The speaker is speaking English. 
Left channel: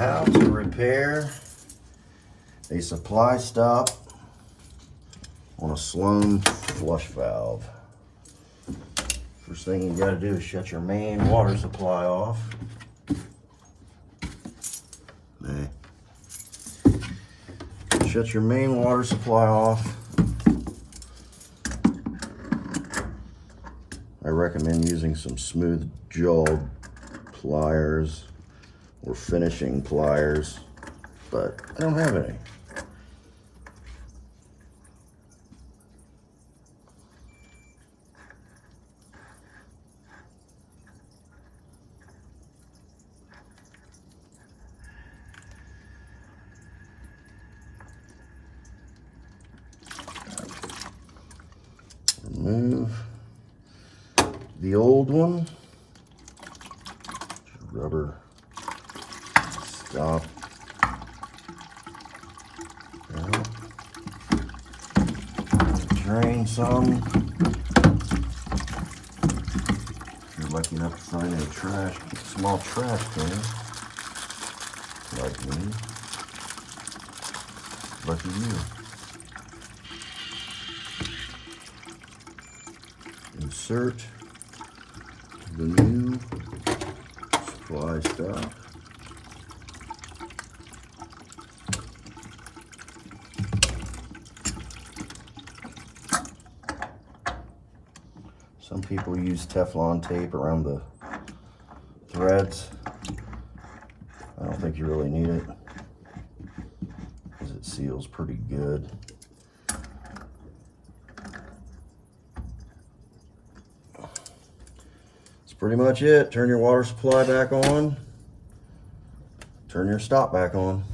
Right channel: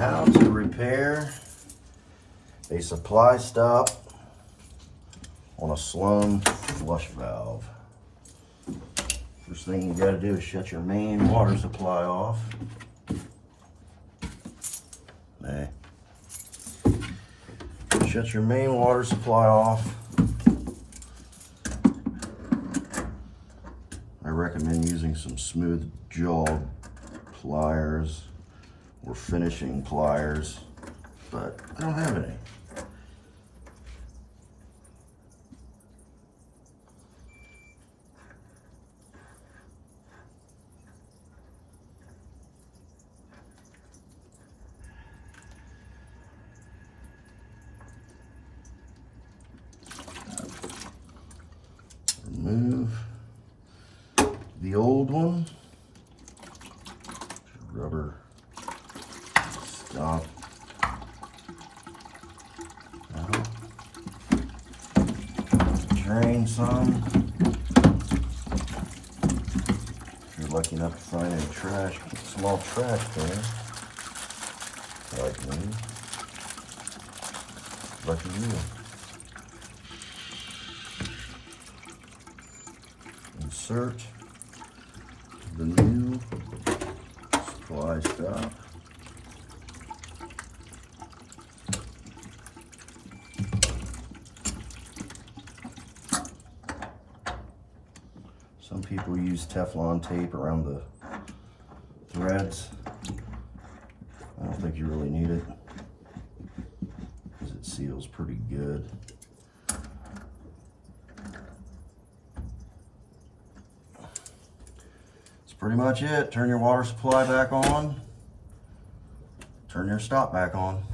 How to repair a supply stop on a Sloan flush valve. First thing you got to do is shut your main water supply off. Shut your main water supply off. I recommend using some smooth jaw pliers or finishing pliers, but I don't have any. Remove the old one, rubber stop. Drain some. If you're lucky enough to find a small trash can, like me, lucky you. Insert the new supply stop. Some people use Teflon tape around the threads. I don't think you really need it because it seals pretty good. That's pretty much it. Turn your water supply back on. Turn your stop back on.